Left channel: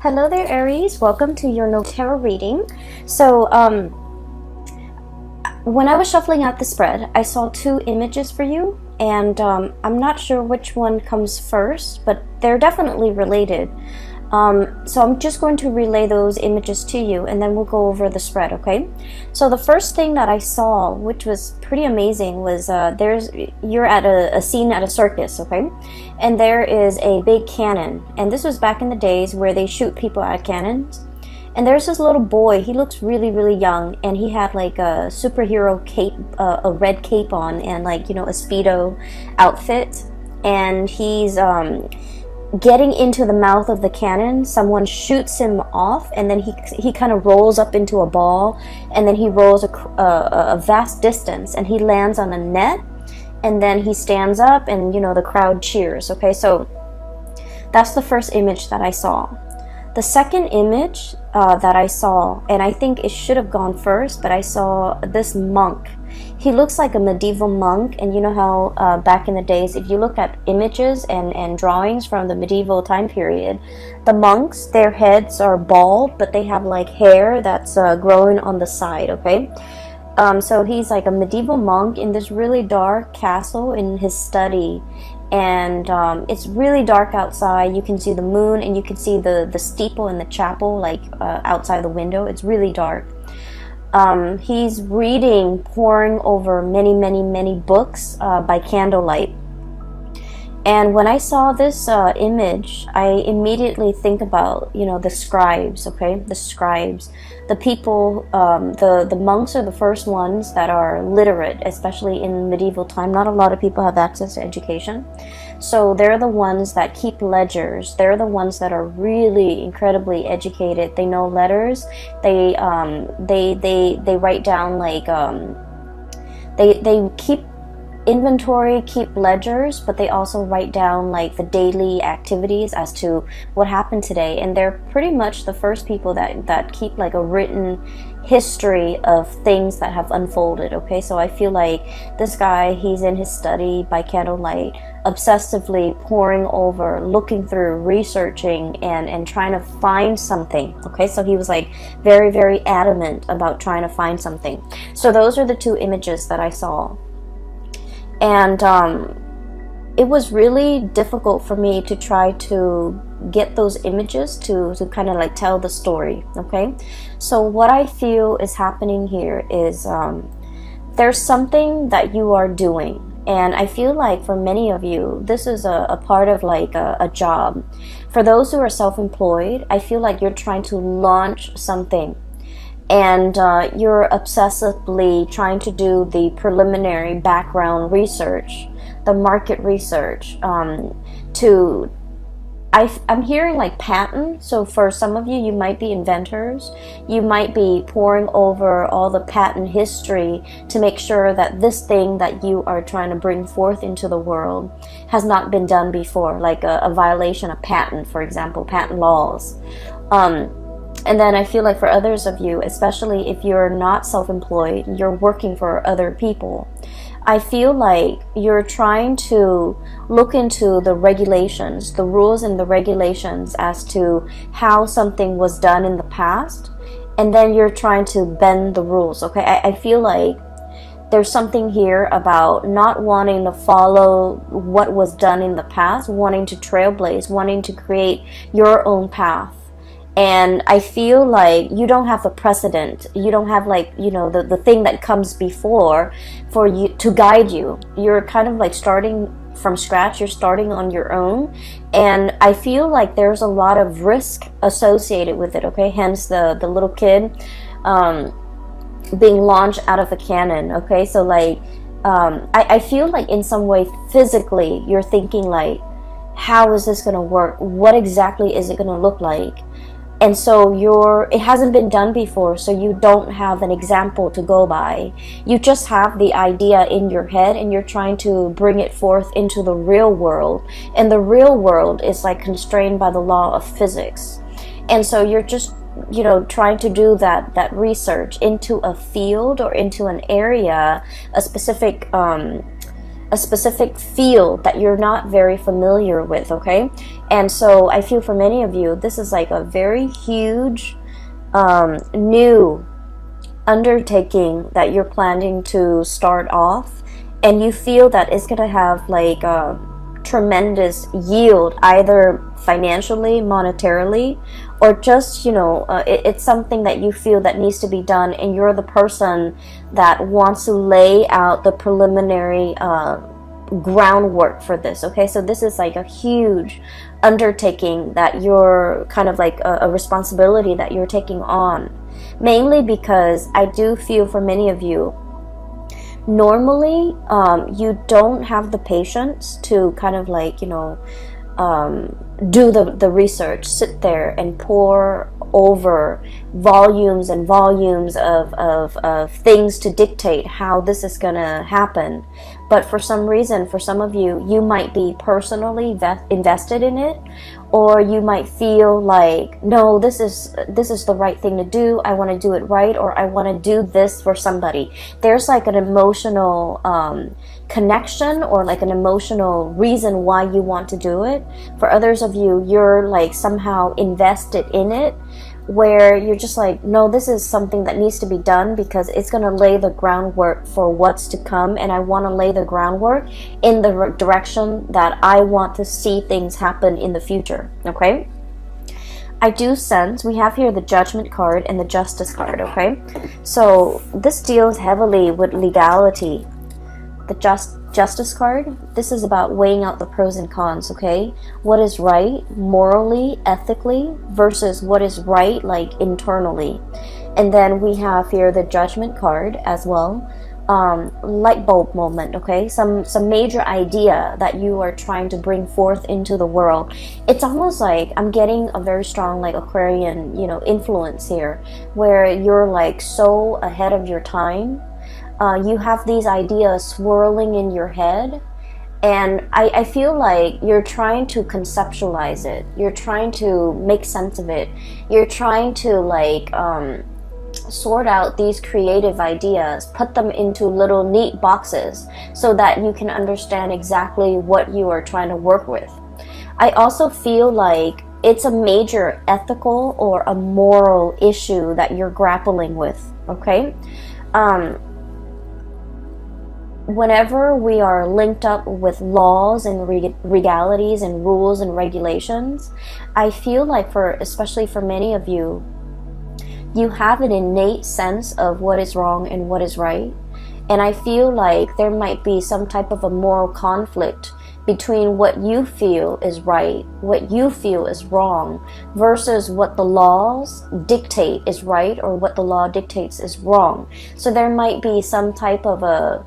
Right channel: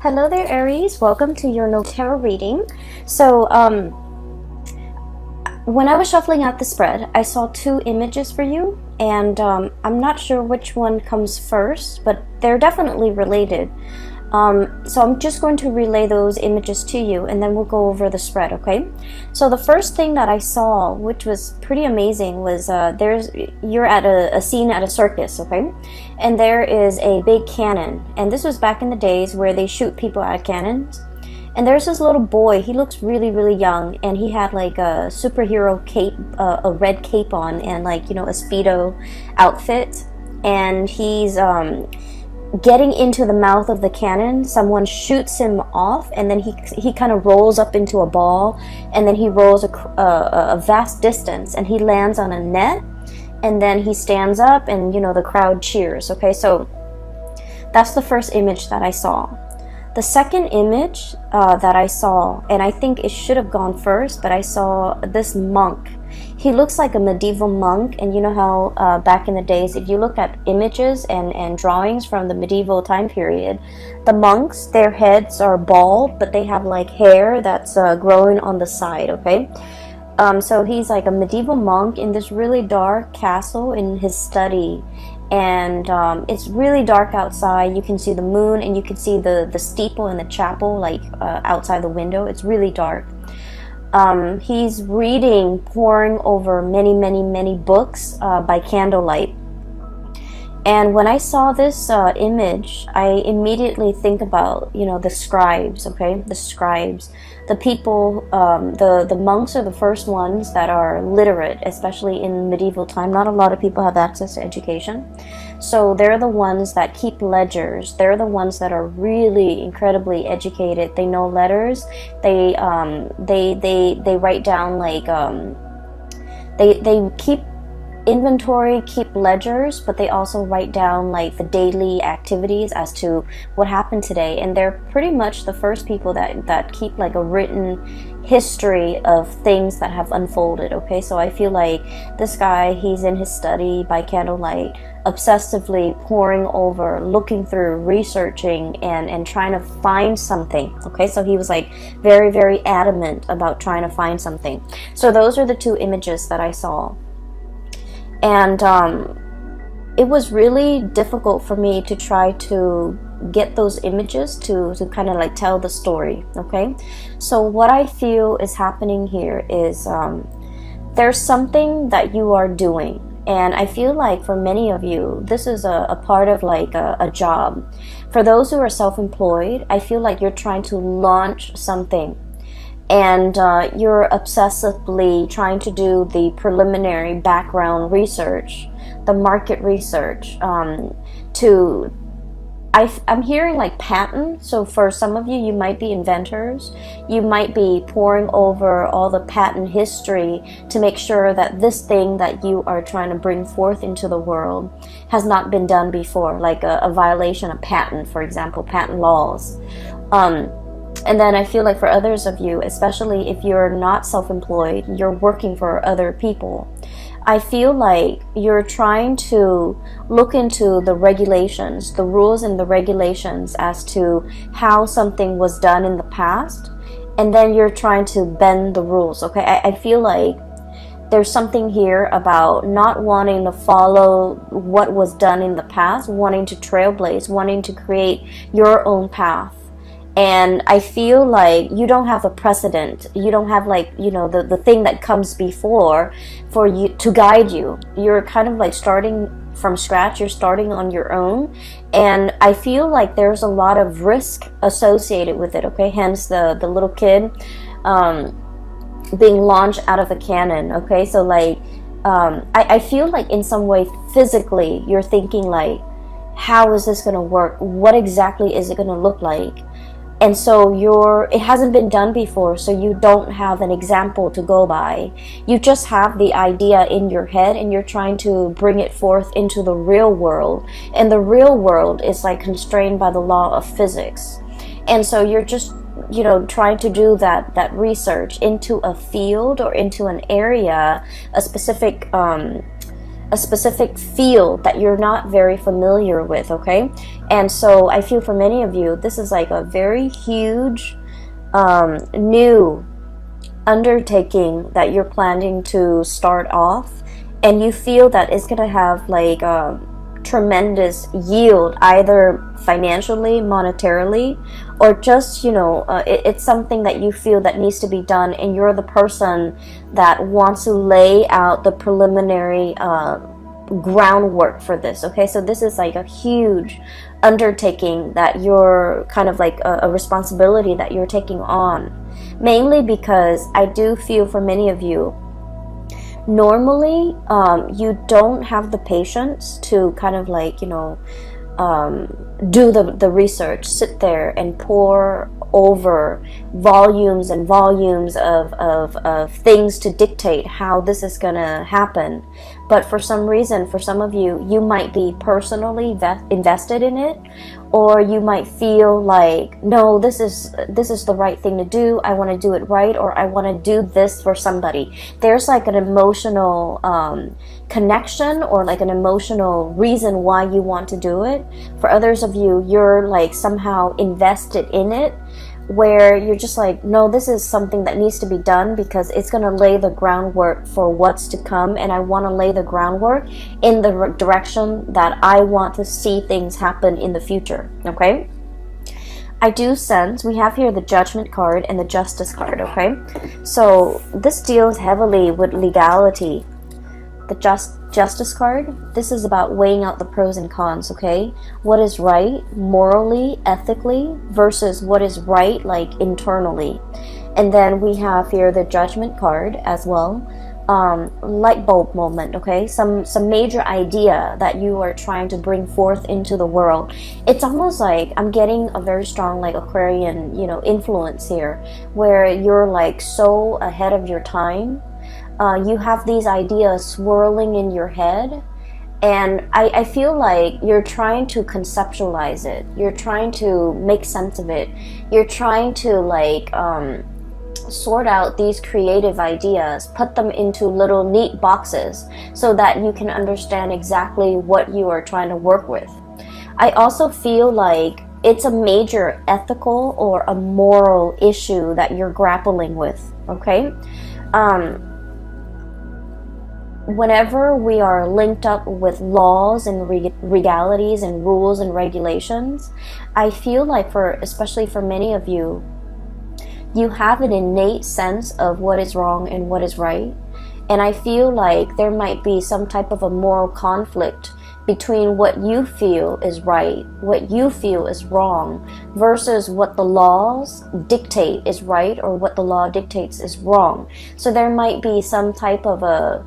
Hello there, Aries. Welcome to your no tarot reading. So, when I was shuffling out the spread, I saw two images for you, and I'm not sure which one comes first, but they're definitely related. So I'm just going to relay those images to you, and then we'll go over the spread, okay? So the first thing that I saw, which was pretty amazing, was you're at a scene at a circus, okay? And there is a big cannon, and this was back in the days where they shoot people at cannons. And there's this little boy. He looks really, really young, and he had like a superhero cape, a red cape on, and a Speedo outfit, and he's getting into the mouth of the cannon. Someone shoots him off, and then he kind of rolls up into a ball, and then he rolls a vast distance, and he lands on a net, and then he stands up, and the crowd cheers. Okay, so that's the first image that I saw. The second image that I saw, and I think it should have gone first, but I saw this monk. He looks like a medieval monk, and you know how back in the days, if you look at images and drawings from the medieval time period, the monks, their heads are bald, but they have like hair that's growing on the side, okay? So he's like a medieval monk in this really dark castle in his study, and it's really dark outside. You can see the moon, and you can see the steeple and the chapel outside the window. It's really dark. He's reading, poring over many, many, many books by candlelight. And when I saw this image, I immediately think about, the scribes, okay? The scribes. The people, the monks are the first ones that are literate, especially in medieval time. Not a lot of people have access to education. So they're the ones that keep ledgers. They're the ones that are really incredibly educated. They know letters. They write down they keep inventory, keep ledgers, but they also write down the daily activities as to what happened today. And they're pretty much the first people that keep a written history of things that have unfolded. Okay, so I feel like this guy, he's in his study by candlelight, obsessively poring over, looking through, researching, and trying to find something. Okay, so he was very, very adamant about trying to find something. So those are the two images that I saw. And it was really difficult for me to try to get those images to kind of tell the story, okay? So what I feel is happening here is there's something that you are doing. And I feel like for many of you, this is a part of a job. For those who are self-employed, I feel like you're trying to launch something. And you're obsessively trying to do the preliminary background research, the market research. I'm hearing patent. So for some of you, you might be inventors. You might be poring over all the patent history to make sure that this thing that you are trying to bring forth into the world has not been done before, like a violation of patent, for example, patent laws. And then I feel like for others of you, especially if you're not self-employed, you're working for other people, I feel like you're trying to look into the regulations, the rules and the regulations as to how something was done in the past, and then you're trying to bend the rules, okay? I feel like there's something here about not wanting to follow what was done in the past, wanting to trailblaze, wanting to create your own path. And I feel like you don't have a precedent. You don't have the thing that comes before for you to guide you. You're kind of starting from scratch. You're starting on your own. And I feel like there's a lot of risk associated with it, okay? Hence the little kid being launched out of the cannon, okay? So I feel like in some way physically you're thinking how is this going to work? What exactly is it going to look like? And so it hasn't been done before, so you don't have an example to go by. You just have the idea in your head, and you're trying to bring it forth into the real world. And the real world is constrained by the law of physics. And so you're just, trying to do that research into a field or into an area, a specific a specific field that you're not very familiar with, okay? And so I feel for many of you, this is like a very huge new undertaking that you're planning to start off, and you feel that it's gonna have like a tremendous yield, either financially, monetarily, or just, you know, it's something that you feel that needs to be done, and you're the person that wants to lay out the preliminary groundwork for this, okay? So this is like a huge undertaking that you're kind of like a responsibility that you're taking on, mainly because I do feel for many of you, normally you don't have the patience to kind of like, you know, do the research, sit there and pore over volumes and volumes of things to dictate how this is gonna happen. But for some reason, for some of you, you might be personally invested in it, or you might feel like, no, this is the right thing to do. I want to do it right, or I want to do this for somebody. There's like an emotional connection, or like an emotional reason why you want to do it. For others of you, you're like somehow invested in it, where you're just like, no, this is something that needs to be done because it's going to lay the groundwork for what's to come, and I want to lay the groundwork in the direction that I want to see things happen in the future, okay? I do sense we have here the Judgment card and the Justice card, okay? So this deals heavily with legality. The Justice card, this is about weighing out the pros and cons, okay? What is right morally, ethically, versus what is right like internally. And then we have here the Judgment card as well. Light bulb moment, okay? Some major idea that you are trying to bring forth into the world. It's almost like I'm getting a very strong like Aquarian, you know, influence here, where you're like so ahead of your time. You have these ideas swirling in your head, and I feel like you're trying to conceptualize it. You're trying to make sense of it. You're trying to like sort out these creative ideas, put them into little neat boxes so that you can understand exactly what you are trying to work with. I also feel like it's a major ethical or a moral issue that you're grappling with, okay? Whenever we are linked up with laws and legalities and rules and regulations, I feel like especially for many of you, you have an innate sense of what is wrong and what is right. And I feel like there might be some type of a moral conflict between what you feel is right, what you feel is wrong, versus what the laws dictate is right, or what the law dictates is wrong. So there might be some type of a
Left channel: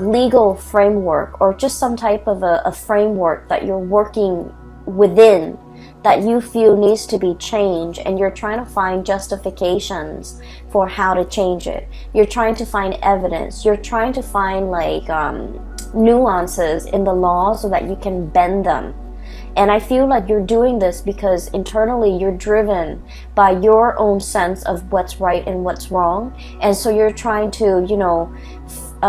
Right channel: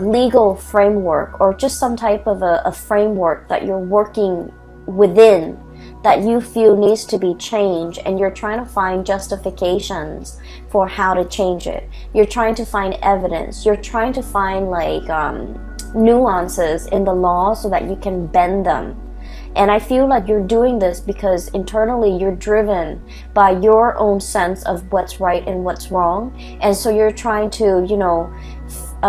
legal framework, or just some type of a framework that you're working within that you feel needs to be changed, and you're trying to find justifications for how to change it. You're trying to find evidence. You're trying to find like nuances in the law so that you can bend them. And I feel like you're doing this because internally you're driven by your own sense of what's right and what's wrong. And so you're trying to, you know,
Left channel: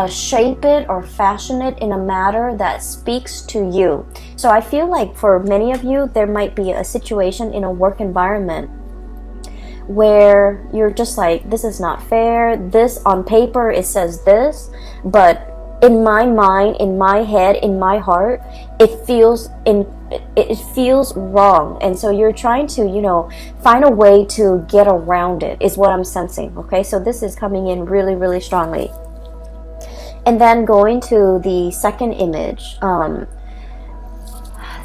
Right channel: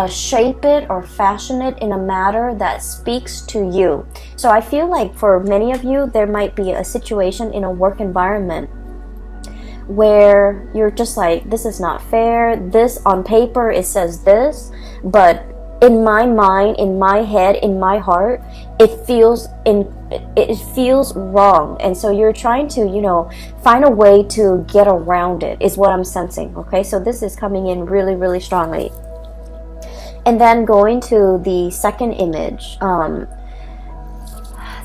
shape it or fashion it in a manner that speaks to you. So I feel like for many of you, there might be a situation in a work environment where you're just like, this is not fair. This on paper, it says this, but in my mind, in my head, in my heart, it feels wrong. And so you're trying to, you know, find a way to get around it, is what I'm sensing. Okay, so this is coming in really, really strongly. And then going to the second image,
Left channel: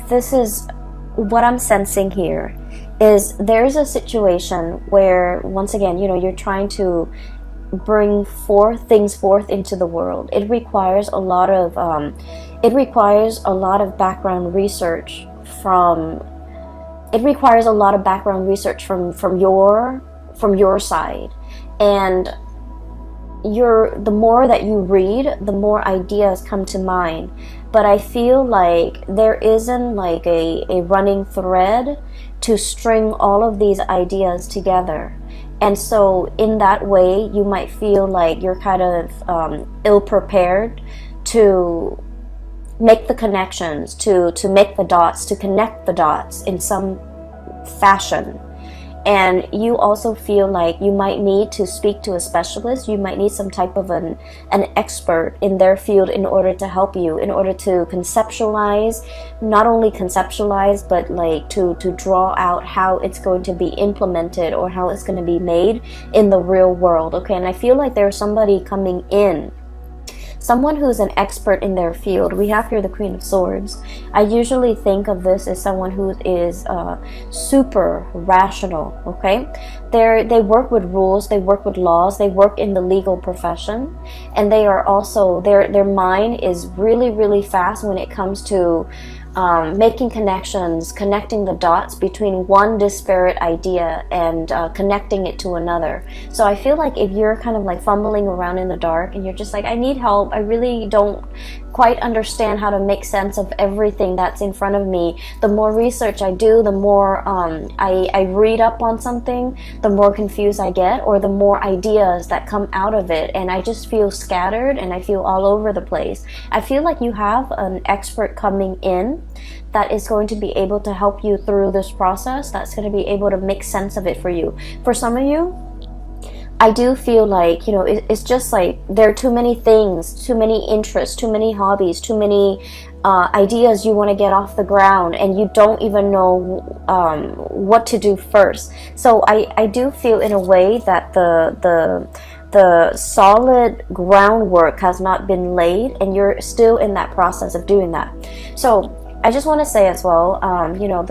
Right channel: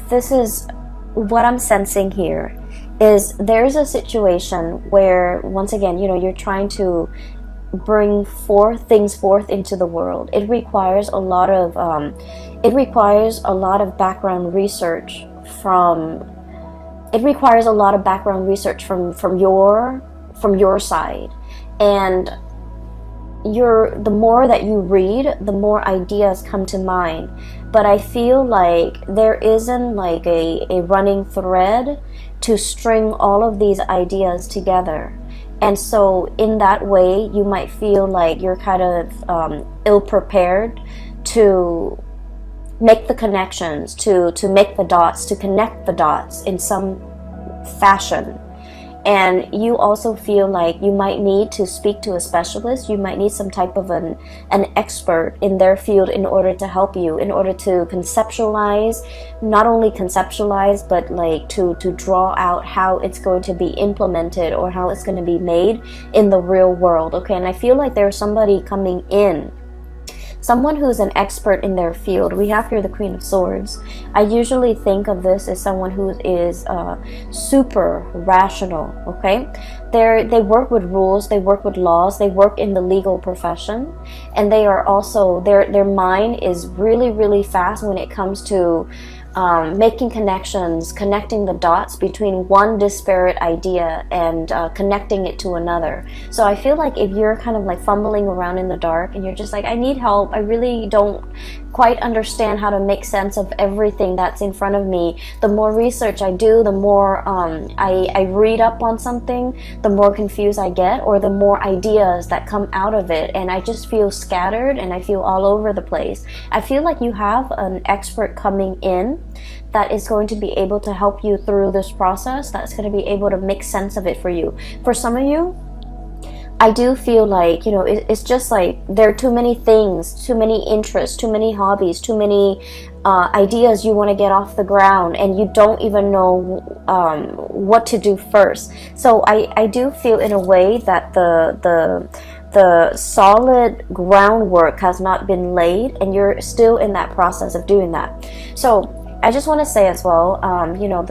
this is what I'm sensing here, is there's a situation where, once again, you know, you're trying to bring things forth into the world. It requires a lot of background research from your side. And the more that you read, the more ideas come to mind. But I feel like there isn't like a running thread to string all of these ideas together. And so in that way, you might feel like you're kind of ill-prepared to make the connections, to make the dots, to connect the dots in some fashion. And you also feel like you might need to speak to a specialist. You might need some type of an expert in their field in order to help you, in order to conceptualize, not only conceptualize, but like to draw out how it's going to be implemented or how it's going to be made in the real world. Okay, and I feel like there's somebody coming in, someone who's an expert in their field. We have here the Queen of Swords. I usually think of this as someone who is super rational, okay? They work with rules, they work with laws, they work in the legal profession, and they are also, their mind is really, really fast when it comes to making connections, connecting the dots between one disparate idea and connecting it to another. So I feel like if you're kind of like fumbling around in the dark and you're just like, I need help, I really don't quite understand how to make sense of everything that's in front of me, the more research I do, the more I read up on something, the more confused I get, or the more ideas that come out of it, and I just feel scattered and I feel all over the place. I feel like you have an expert coming in that is going to be able to help you through this process, that's going to be able to make sense of it for you. For some of you, I do feel like, you know, it's just like there are too many things, too many interests, too many hobbies, too many ideas you want to get off the ground, and you don't even know what to do first. So I do feel in a way that the solid groundwork has not been laid, and you're still in that process of doing that. So I just want to say as well, you know,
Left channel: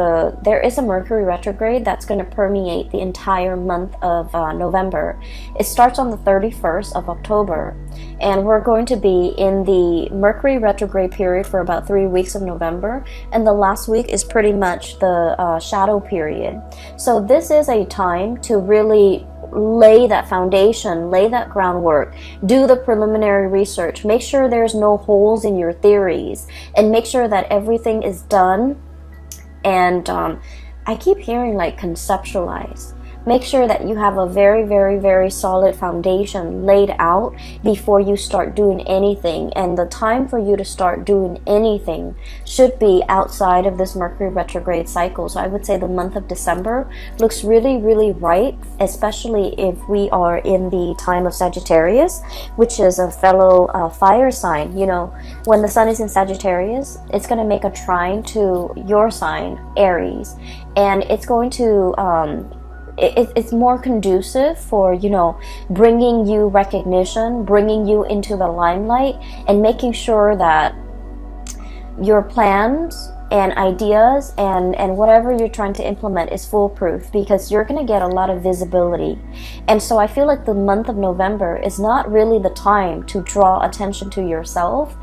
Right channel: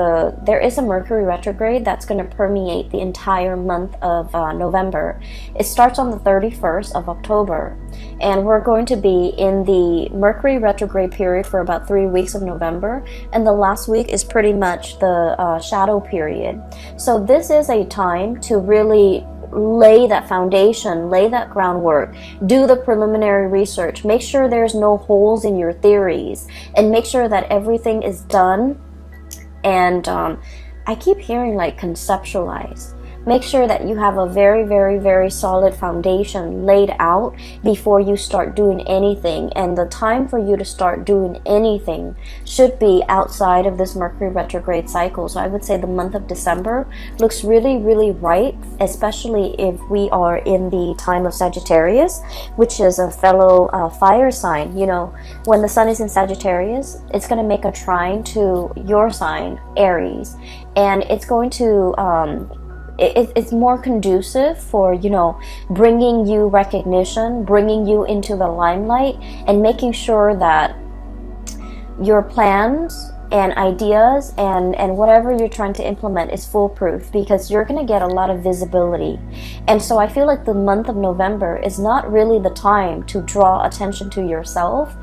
there is a Mercury retrograde that's going to permeate the entire month of November. It starts on the 31st of October, and we're going to be in the Mercury retrograde period for about 3 weeks of November, and the last week is pretty much the shadow period. So this is a time to really lay that foundation, lay that groundwork, do the preliminary research, make sure there's no holes in your theories, and make sure that everything is done. And I keep hearing like conceptualize. Make sure that you have a very, very, very solid foundation laid out before you start doing anything. And the time for you to start doing anything should be outside of this Mercury retrograde cycle. So I would say the month of December looks really, really right, especially if we are in the time of Sagittarius, which is a fellow fire sign. You know, when the sun is in Sagittarius, it's going to make a trine to your sign, Aries, and it's going to it's more conducive for, you know, bringing you recognition, bringing you into the limelight, and making sure that your plans and ideas and whatever you're trying to implement is foolproof, because you're going to get a lot of visibility. And so I feel like the month of November is not really the time to draw attention to yourself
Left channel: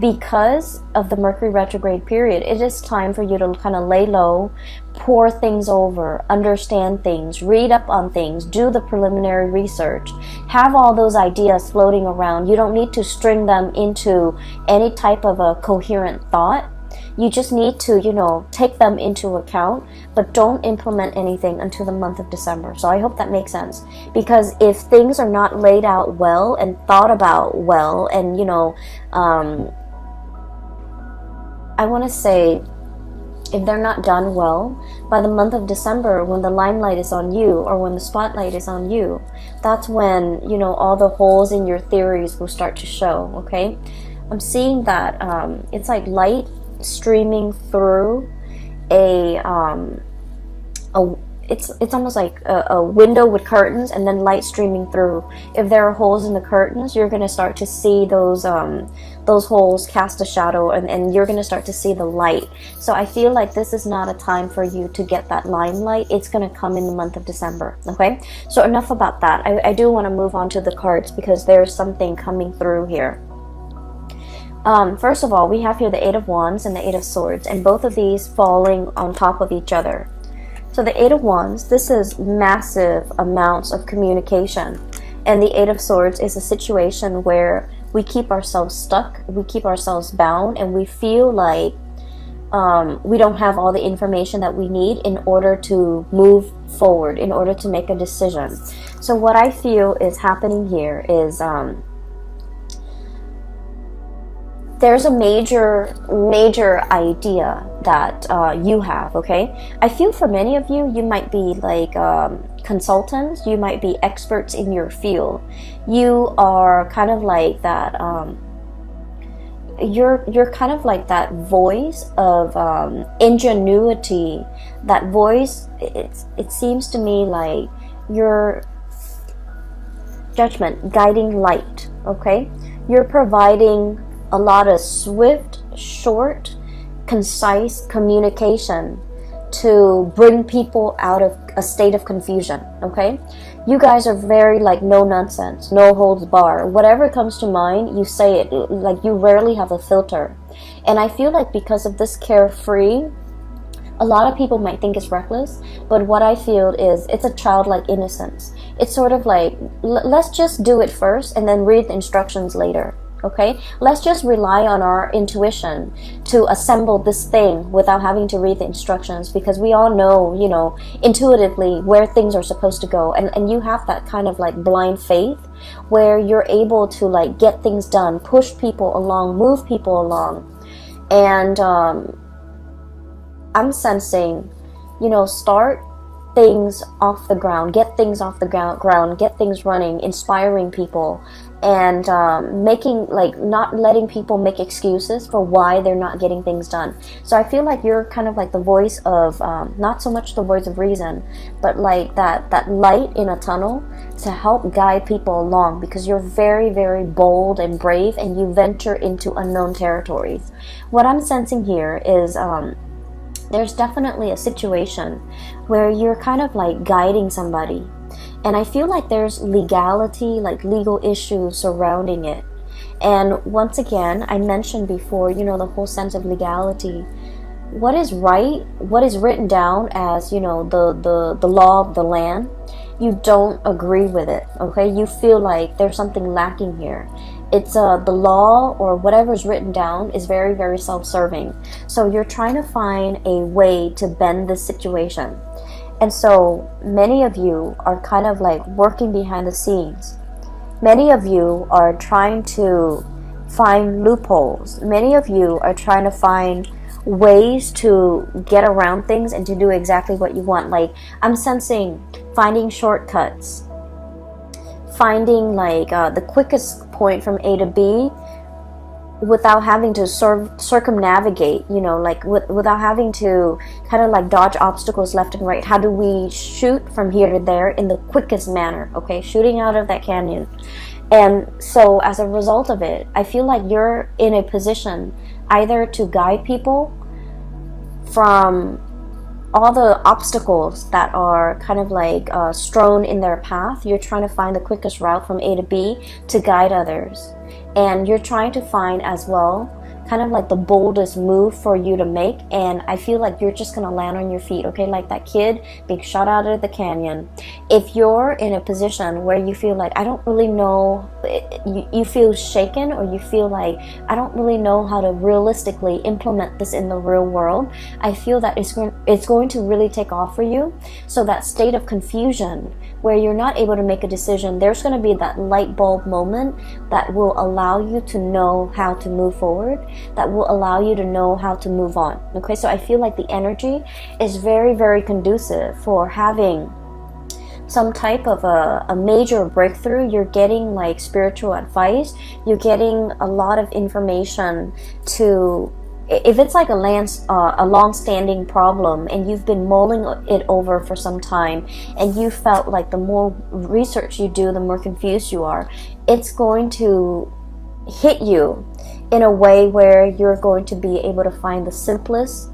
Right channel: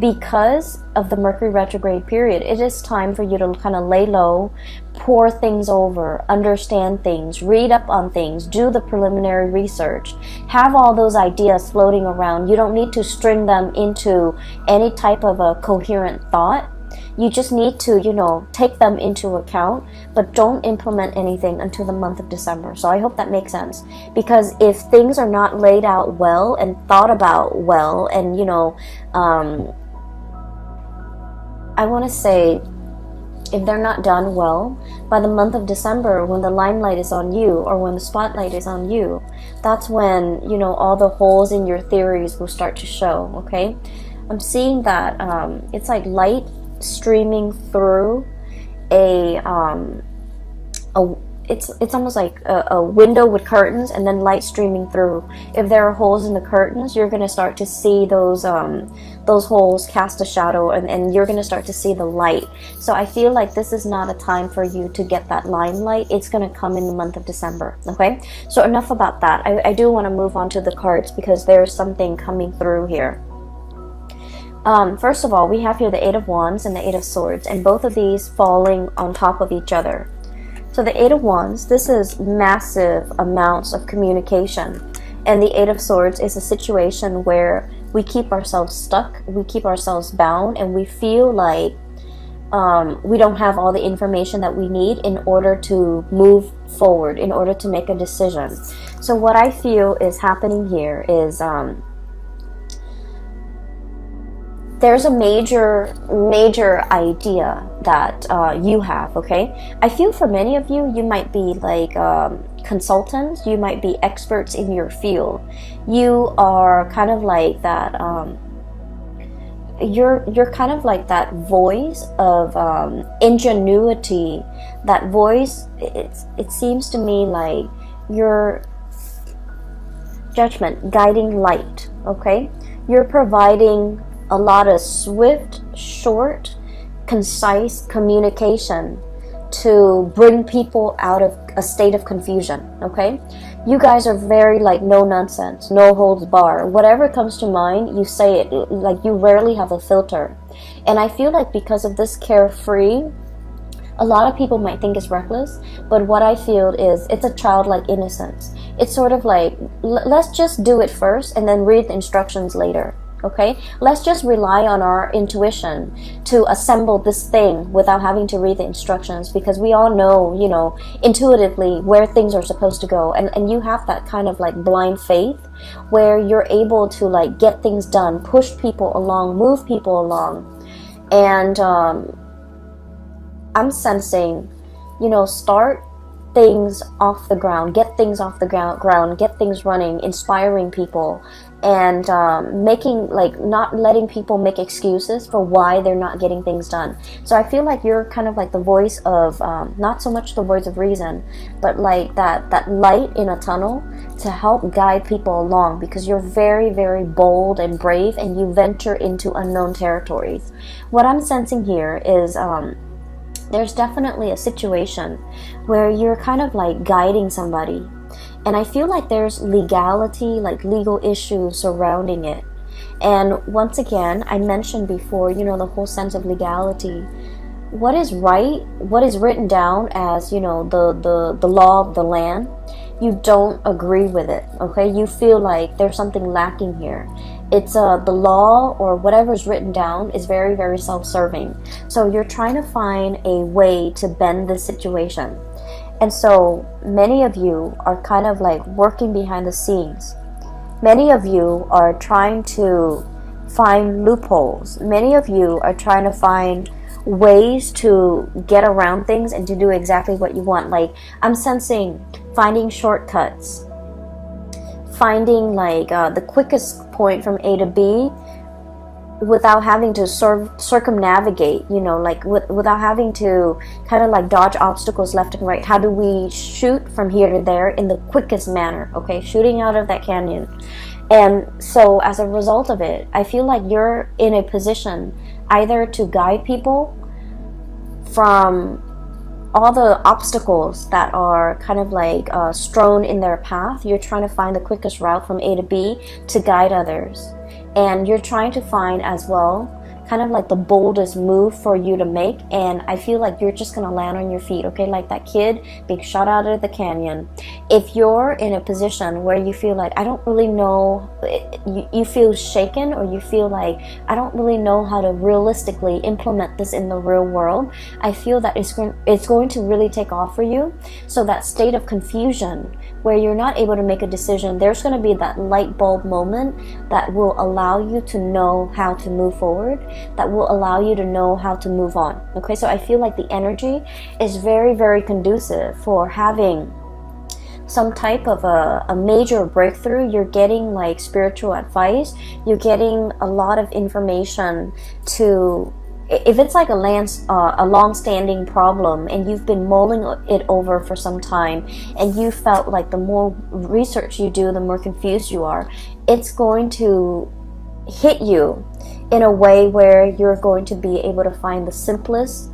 because of the Mercury retrograde period. It is time for you to kind of lay low, pour things over, understand things, read up on things, do the preliminary research, have all those ideas floating around. You don't need to string them into any type of a coherent thought. You just need to, you know, take them into account, but don't implement anything until the month of December. So I hope that makes sense. Because if things are not laid out well and thought about well, and, you know, I want to say, if they're not done well, by the month of December, when the limelight is on you, or when the spotlight is on you, that's when, you know, all the holes in your theories will start to show, okay? I'm seeing that it's like light streaming through it's almost like a window with curtains, and then light streaming through. If there are holes in the curtains, you're going to start to see those holes cast a shadow, and you're going to start to see the light. So I feel like this is not a time for you to get that limelight. It's going to come in the month of December, okay? So enough about that. I do want to move on to the cards, because there's something coming through here. First of all, we have here the Eight of Wands and the Eight of Swords, and both of these falling on top of each other. So the Eight of Wands, this is massive amounts of communication. And the Eight of Swords is a situation where we keep ourselves stuck, we keep ourselves bound, and we feel like we don't have all the information that we need in order to move forward, in order to make a decision. So what I feel is happening here is there's a major idea that you have, okay? I feel for many of you, you might be like consultants, you might be experts in your field. You are kind of like that, you're kind of like that voice of ingenuity, that voice, it seems to me like your judgment, guiding light, okay? You're providing a lot of swift, short, concise communication to bring people out of a state of confusion, okay? You guys are very like no nonsense, no holds bar. Whatever comes to mind, you say it. Like you rarely have a filter. And I feel like because of this carefree, a lot of people might think it's reckless, but what I feel is it's a childlike innocence. It's sort of like, let's just do it first and then read the instructions later. Okay, let's just rely on our intuition to assemble this thing without having to read the instructions, because we all know, you know, intuitively where things are supposed to go. And you have that kind of like blind faith where you're able to like get things done, push people along, move people along. And I'm sensing, you know, start things off the ground, get things off the ground, get things running, inspiring people, and making, like, not letting people make excuses for why they're not getting things done. So I feel like you're kind of like the voice of, not so much the voice of reason, but like that light in a tunnel to help guide people along, because you're very, very bold and brave, and you venture into unknown territories. What I'm sensing here is, there's definitely a situation where you're kind of like guiding somebody, and I feel like there's legality, like legal issues surrounding it. And once again, I mentioned before, you know, the whole sense of legality. What is right, what is written down as, you know, the law of the land, you don't agree with it, okay? You feel like there's something lacking here. It's the law or whatever's written down is very, very self-serving. So you're trying to find a way to bend this situation. And so many of you are kind of like working behind the scenes. Many of you are trying to find loopholes. Many of you are trying to find ways to get around things and to do exactly what you want. Like, I'm sensing finding shortcuts, finding like the quickest point from A to B without having to circumnavigate, you know, like without having to kind of like dodge obstacles left and right. How do we shoot from here to there in the quickest manner, okay? Shooting out of that canyon. And so as a result of it, I feel like you're in a position either to guide people from all the obstacles that are kind of like strewn in their path. You're trying to find the quickest route from A to B to guide others. And you're trying to find as well kind of like the boldest move for you to make. And I feel like you're just going to land on your feet, okay? Like that kid being shot out of the canyon. If you're in a position where you feel like, I don't really know, you feel shaken, or you feel like, I don't really know how to realistically implement this in the real world, I feel that it's going to really take off for you. So that state of confusion where you're not able to make a decision, there's going to be that light bulb moment that will allow you to know how to move forward, that will allow you to know how to move on. Okay, so I feel like the energy is very, very conducive for having some type of a major breakthrough. You're getting like spiritual advice, you're getting a lot of information to, if it's like a long-standing problem and you've been mulling it over for some time, and you felt like the more research you do, the more confused you are, it's going to hit you in a way where you're going to be able to find the simplest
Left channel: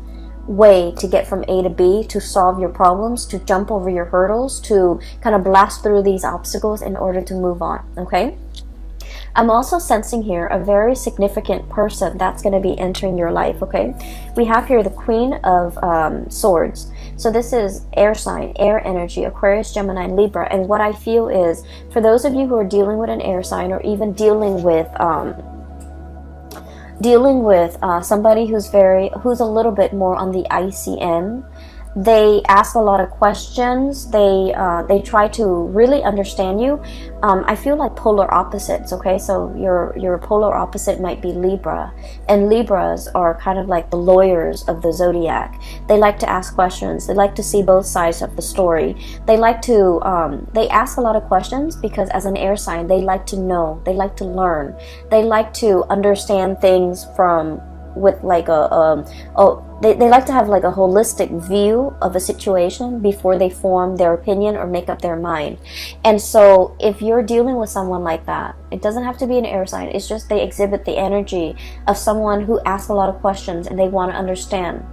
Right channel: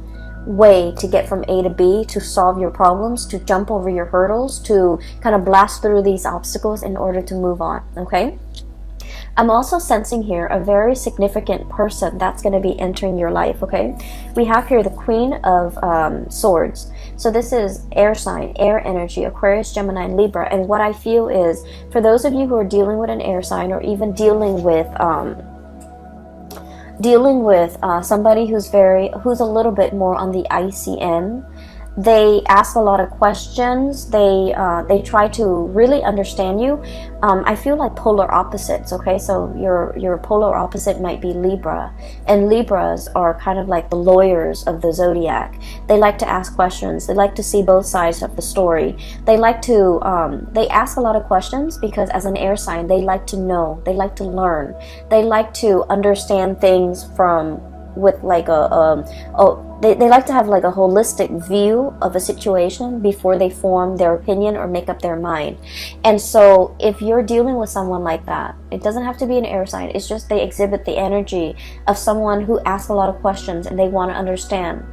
way to get from A to B, to solve your problems, to jump over your hurdles, to kind of blast through these obstacles in order to move on, okay? I'm also sensing here a very significant person that's going to be entering your life, okay? We have here the Queen of Swords. So this is air sign, air energy, Aquarius, Gemini, Libra. And what I feel is, for those of you who are dealing with an air sign, or even dealing with somebody who's a little bit more on the icy end, They ask a lot of questions. They try to really understand you. I feel like polar opposites. Okay, so your polar opposite might be Libra, and Libras are kind of like the lawyers of the zodiac. They like to ask questions. They like to see both sides of the story. They like to they ask a lot of questions because as an air sign, they like to know. They like to learn. They like to understand things from with like they like to have like a holistic view of a situation before they form their opinion or make up their mind. And so if you're dealing with someone like that, it doesn't have to be an air sign. It's just they exhibit the energy of someone who asks a lot of questions and they want to understand.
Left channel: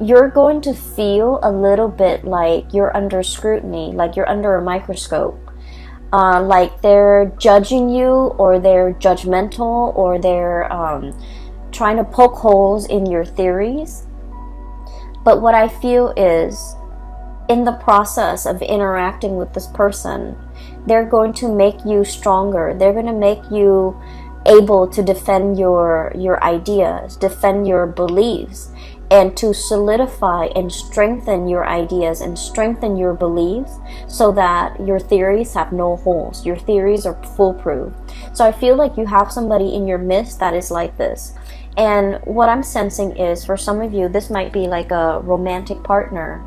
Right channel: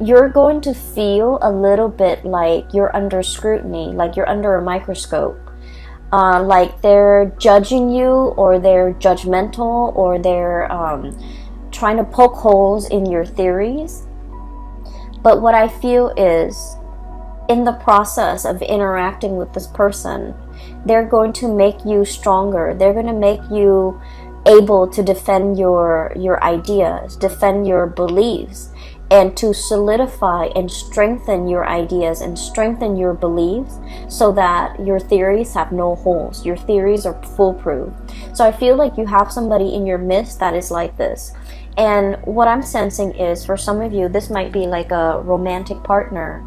You're going to feel a little bit like you're under scrutiny, like you're under a microscope. Like they're judging you, or they're judgmental, or they're trying to poke holes in your theories. But what I feel is, in the process of interacting with this person, they're going to make you stronger. They're going to make you able to defend your ideas, defend your beliefs, and to solidify and strengthen your ideas and strengthen your beliefs so that your theories have no holes. Your theories are foolproof. So I feel like you have somebody in your midst that is like this. And what I'm sensing is, for some of you, this might be like a romantic partner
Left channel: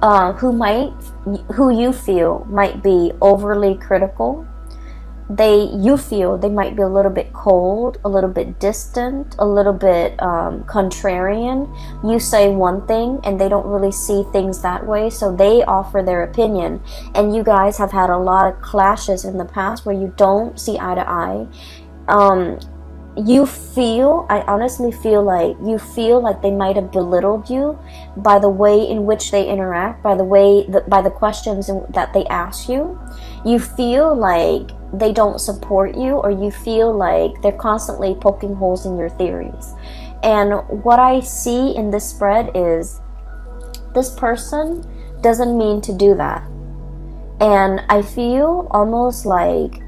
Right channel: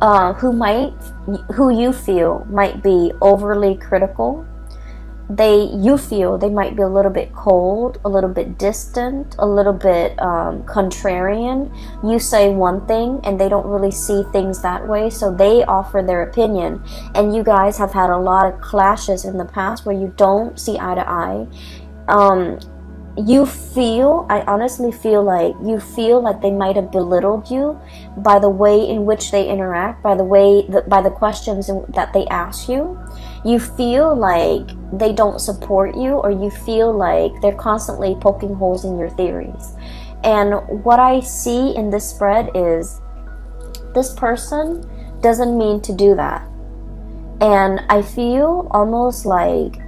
who you feel might be overly critical. You feel they might be a little bit cold, a little bit distant, a little bit contrarian. You say one thing and they don't really see things that way, so they offer their opinion. And you guys have had a lot of clashes in the past where you don't see eye to eye. I honestly feel like they might have belittled you by the way in which they interact, by the questions that they ask you. You feel like they don't support you, or you feel like they're constantly poking holes in your theories. And what I see in this spread is this person doesn't mean to do that. And I feel almost like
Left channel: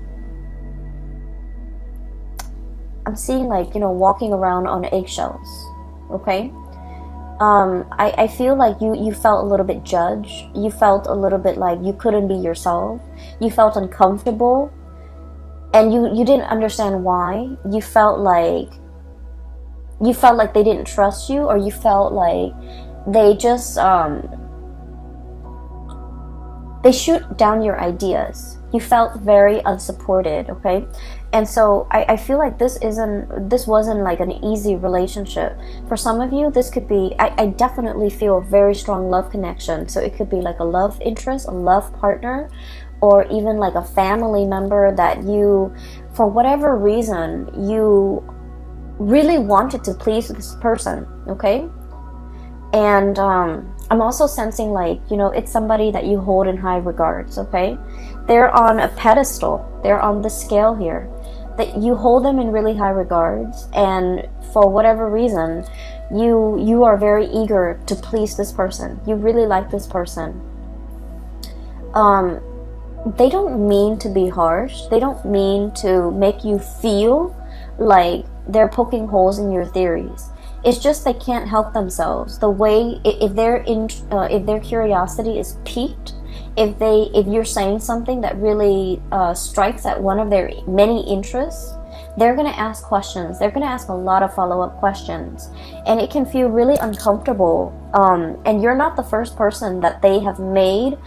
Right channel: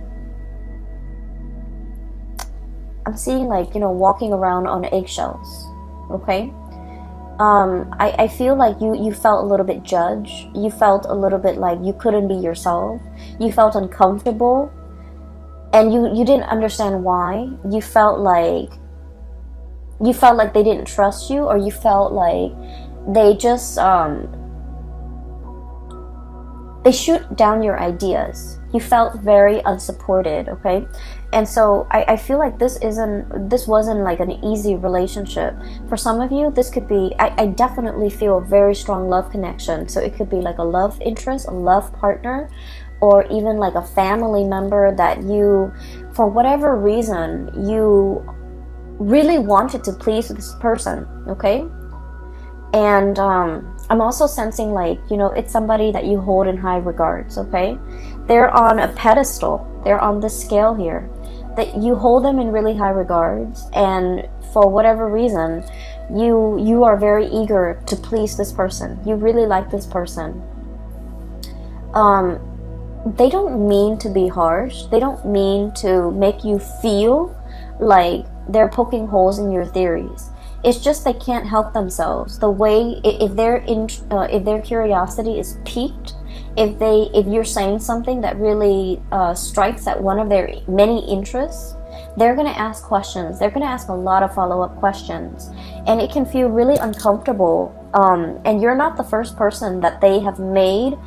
I'm seeing like, walking around on eggshells, okay? I feel like you felt a little bit judged. You felt a little bit like you couldn't be yourself. You felt uncomfortable. And you didn't understand why. You felt like they didn't trust you, or you felt like they just, they shoot down your ideas. You felt very unsupported, okay? And so I feel like this wasn't like an easy relationship. For some of you, this could be, I definitely feel a very strong love connection. So it could be like a love interest, a love partner, or even like a family member that you, for whatever reason, you really wanted to please this person, okay? And I'm also sensing like, it's somebody that you hold in high regards, okay? They're on a pedestal. They're on the scale here. That you hold them in really high regards, and for whatever reason, you are very eager to please this person. You really like this person. They don't mean to be harsh. They don't mean to make you feel like they're poking holes in your theories. It's just they can't help themselves. The way if their curiosity is piqued, if you're saying something that really strikes at one of their many interests, they're going to ask questions. They're going to ask a lot of follow-up questions, and it can feel really uncomfortable. And you're not the first person that they have made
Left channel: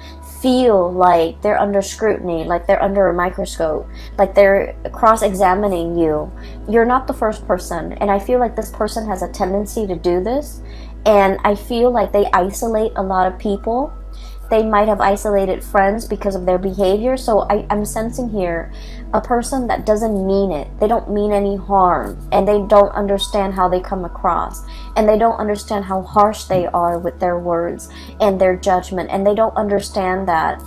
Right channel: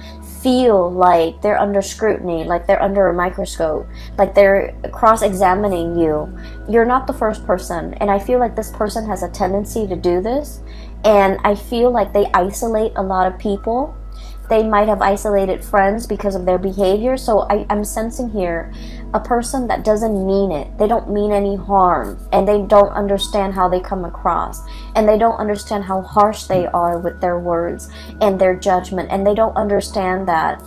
feel like they're under scrutiny, like they're under a microscope, like they're cross-examining you. You're not the first person, and I feel like this person has a tendency to do this, and I feel like they isolate a lot of people. They might have isolated friends because of their behavior. So I'm sensing here a person that doesn't mean it. They don't mean any harm, and they don't understand how they come across, and they don't understand how harsh they are with their words and their judgment, and they don't understand that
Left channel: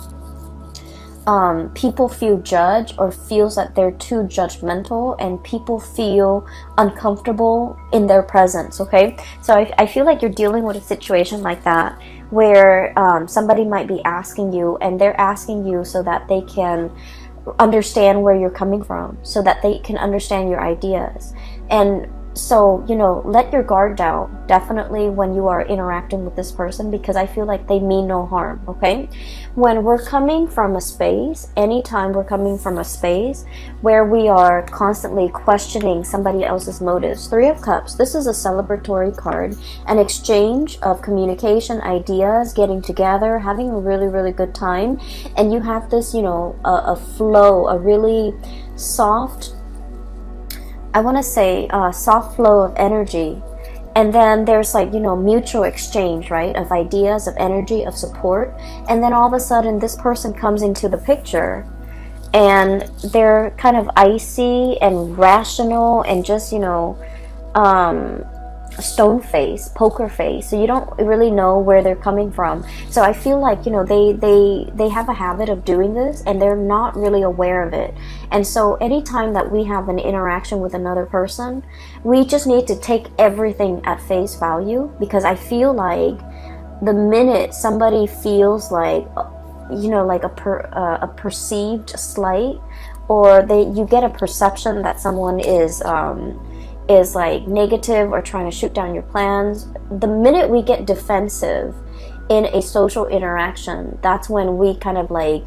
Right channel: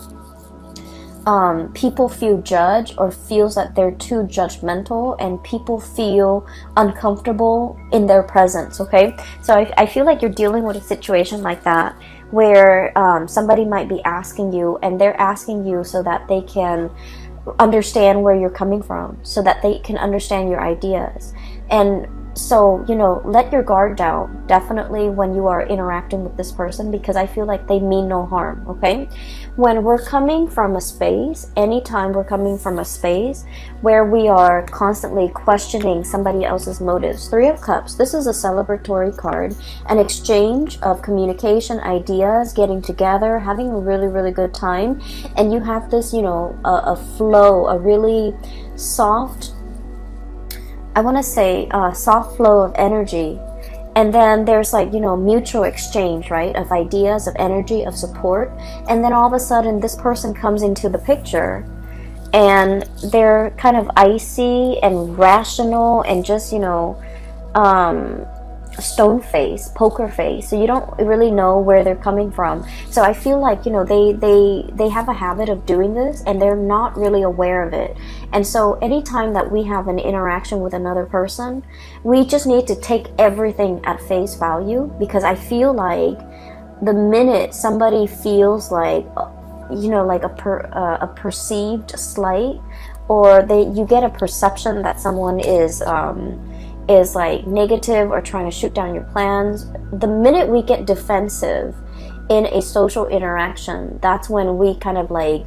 people feel judged or feels that they're too judgmental, and people feel uncomfortable in their presence, okay? So I feel like you're dealing with a situation like that, where somebody might be asking you, and they're asking you so that they can understand where you're coming from, so that they can understand your ideas. And So, you know, let your guard down, definitely, when you are interacting with this person, because I feel like they mean no harm, okay? When we're coming from a space, anytime we're coming from a space where we are constantly questioning somebody else's motives, Three of Cups, this is a celebratory card, an exchange of communication, ideas, getting together, having a really, really good time, and you have this, you know, a flow, a really soft, I want to say a soft flow of energy. And then there's like, you know, mutual exchange, right? Of ideas, of energy, of support. And then all of a sudden this person comes into the picture and they're kind of icy and rational and just, you know, stone face, poker face, so you don't really know where they're coming from. So I feel like, you know, they have a habit of doing this and they're not really aware of it. And so anytime that we have an interaction with another person, we just need to take everything at face value, because I feel like the minute somebody feels like, you know, like a perceived slight, or you get a perception that someone is like negative or trying to shoot down your plans, the minute we get defensive in a social interaction, that's when we kind of like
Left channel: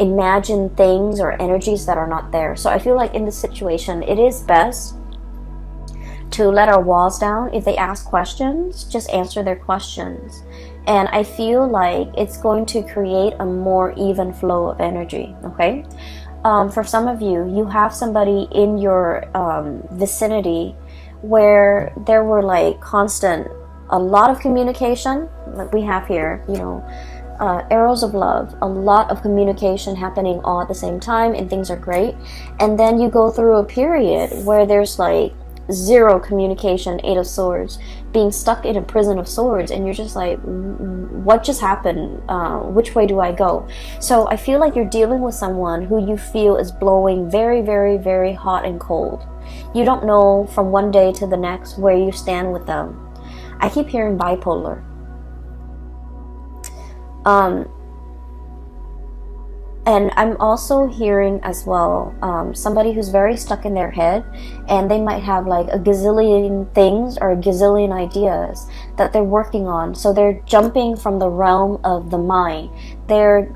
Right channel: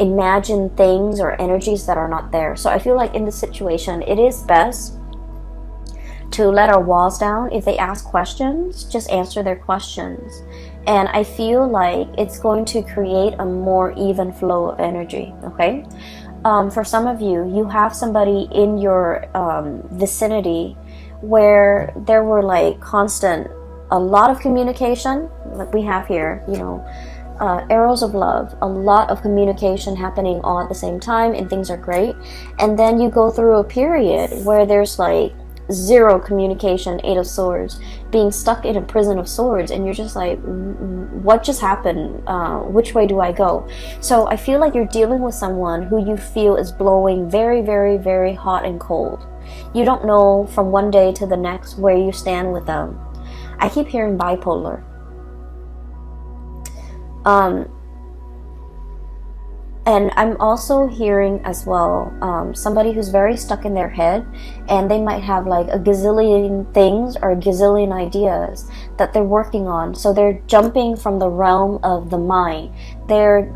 imagine things or energies that are not there. So I feel like in this situation, it is best to let our walls down. If they ask questions, just answer their questions. And I feel like it's going to create a more even flow of energy, okay? For some of you, you have somebody in your vicinity where there were like a lot of communication, like we have here, you know, arrows of love, a lot of communication happening all at the same time, and things are great. And then you go through a period where there's like zero communication, Eight of Swords, being stuck in a prison of swords, and you're just like, what just happened? Which way do I go? So I feel like you're dealing with someone who you feel is blowing very, very, very hot and cold. You don't know from one day to the next where you stand with them. I keep hearing bipolar. And I'm also hearing as well somebody who's very stuck in their head, and they might have like a gazillion things or a gazillion ideas that they're working on. So they're jumping from the realm of the mind. They're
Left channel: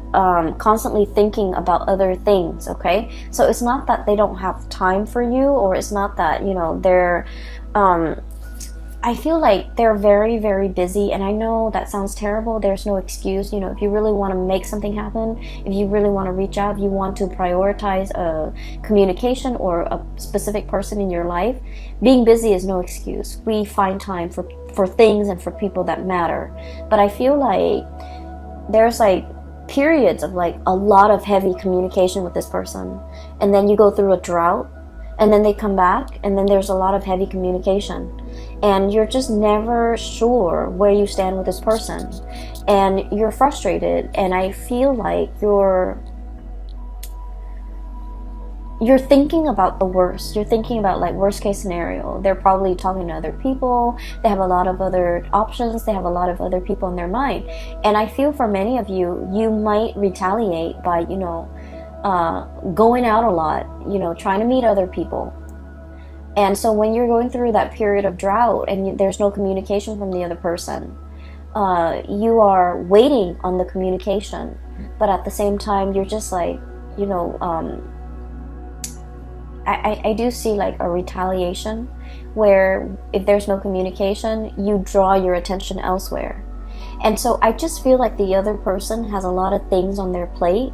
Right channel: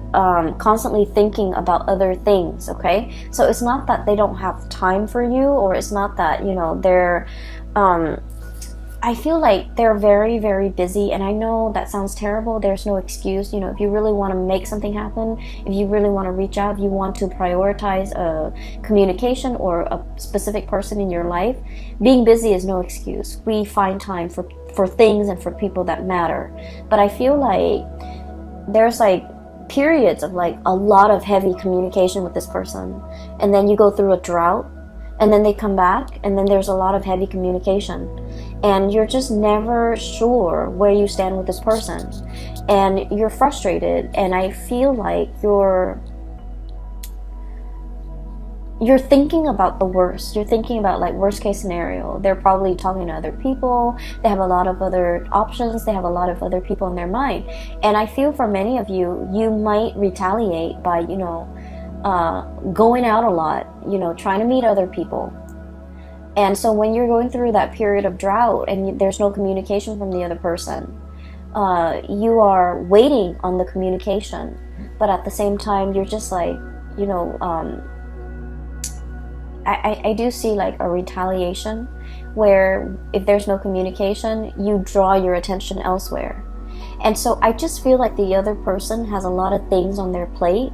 constantly thinking about other things, okay? So it's not that they don't have time for you, or it's not that, you know, they're... I feel like they're very, very busy, and I know that sounds terrible. There's no excuse. You know, if you really want to make something happen, if you really want to reach out, you want to prioritize communication or a specific person in your life, being busy is no excuse. We find time for things and for people that matter. But I feel like there's like periods of like a lot of heavy communication with this person, and then you go through a drought, and then they come back, and then there's a lot of heavy communication, and you're just never sure where you stand with this person, and you're frustrated. And I feel like you're thinking about the worst. You're thinking about like worst case scenario. They're probably talking to other people. They have a lot of other options. They have a lot of other people in their mind. And I feel for many of you, you might retaliate by, you know, going out a lot, you know, trying to meet other people. And so when you're going through that period of drought and there's no communication from the other person, you are waiting on the communication, but at the same time you're just like, you know, I do see like a retaliation where if there's no communication, you draw your attention elsewhere. And so I just feel like the other person has a lot of things on their plate.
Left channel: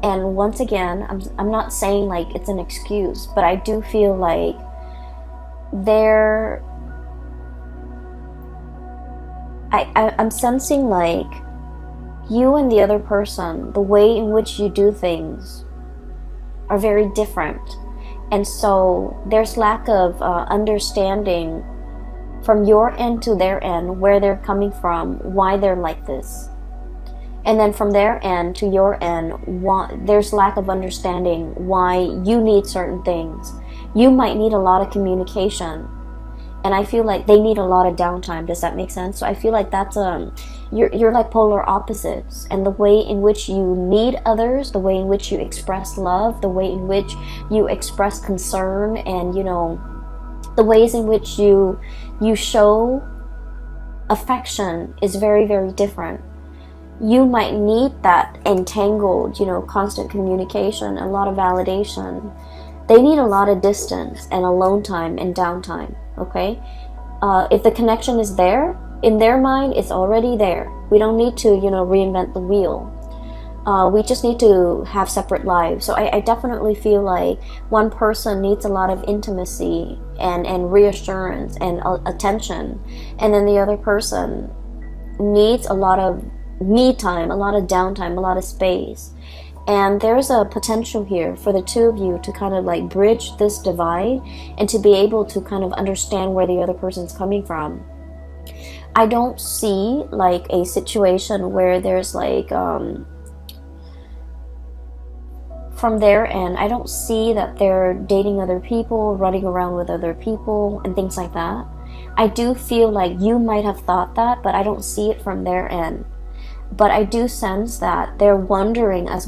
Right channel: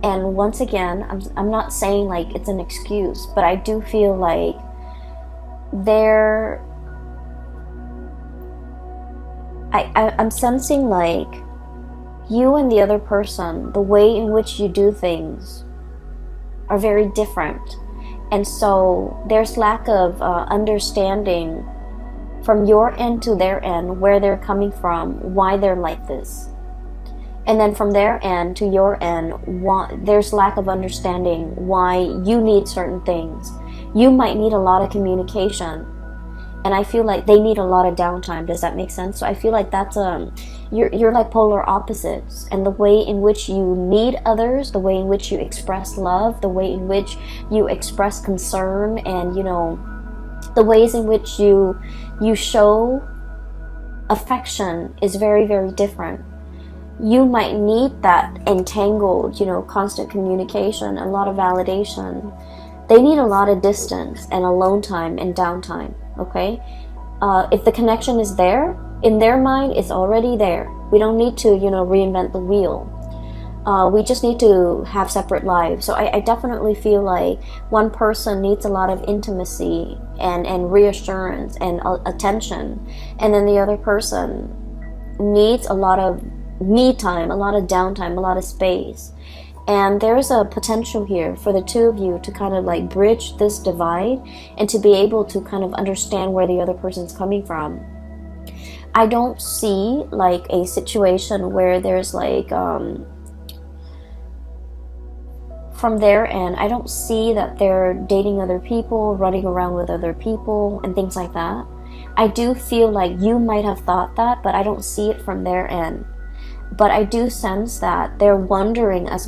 And once again, I'm not saying like it's an excuse, but I do feel like I'm sensing like you and the other person, the way in which you do things are very different. And so there's lack of understanding from your end to their end, where they're coming from, why they're like this. And then from their end to your end, there's lack of understanding why you need certain things. You might need a lot of communication, and I feel like they need a lot of downtime. Does that make sense? So I feel like that's you're like polar opposites, and the way in which you need others, the way in which you express love, the way in which you express concern, and you know, The ways in which you show affection is very, very different. You might need that entangled, constant communication, a lot of validation. They need a lot of distance and alone time and downtime, okay? If the connection is there, in their mind, it's already there. We don't need to, reinvent the wheel. We just need to have separate lives. So I definitely feel like one person needs a lot of intimacy and reassurance and attention, and then the other person needs a lot of me time, a lot of downtime, a lot of space. And there's a potential here for the two of you to kind of like bridge this divide and to be able to kind of understand where the other person's coming from. I don't see like a situation where there's like from their end, I don't see that they're dating other people, running around with other people and things like that. I do feel like you might have thought that, but I don't see it from their end. But I do sense that they're wondering as